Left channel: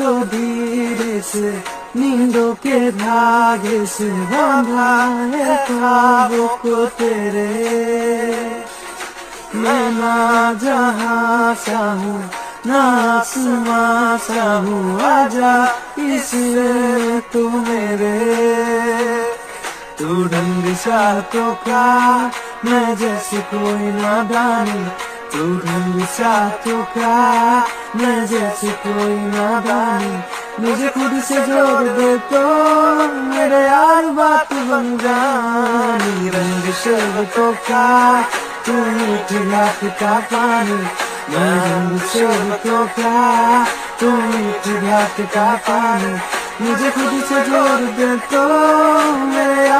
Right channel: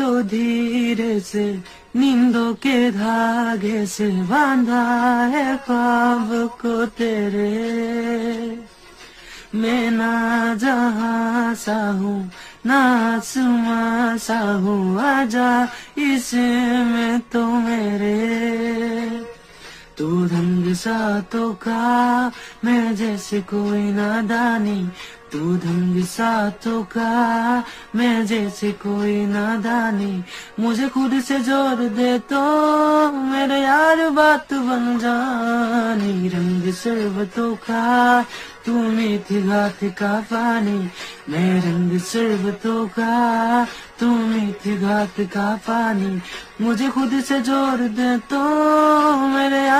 तो धीरे से नींदों के धागे से बांधा है ख्वाब को तेरे। मैं ना जहां सा हूँ ना आसमां सा हूँ, आजा इसमें तू मेरे। तू ढंग सा तो का मैं जैसे कोई नादानी, तू ढंग सा तो का मैं जैसे कोई नादानी। मुझे खुद से जोड़ दे तो मेरे यार बात बन जानी। रंग शरबतों का तू मीठी घाट का पानी, मैं रंग शरबतों का तू मीठी घाट का पानी। मुझे खुद से जोड़ दे तो मेरे यार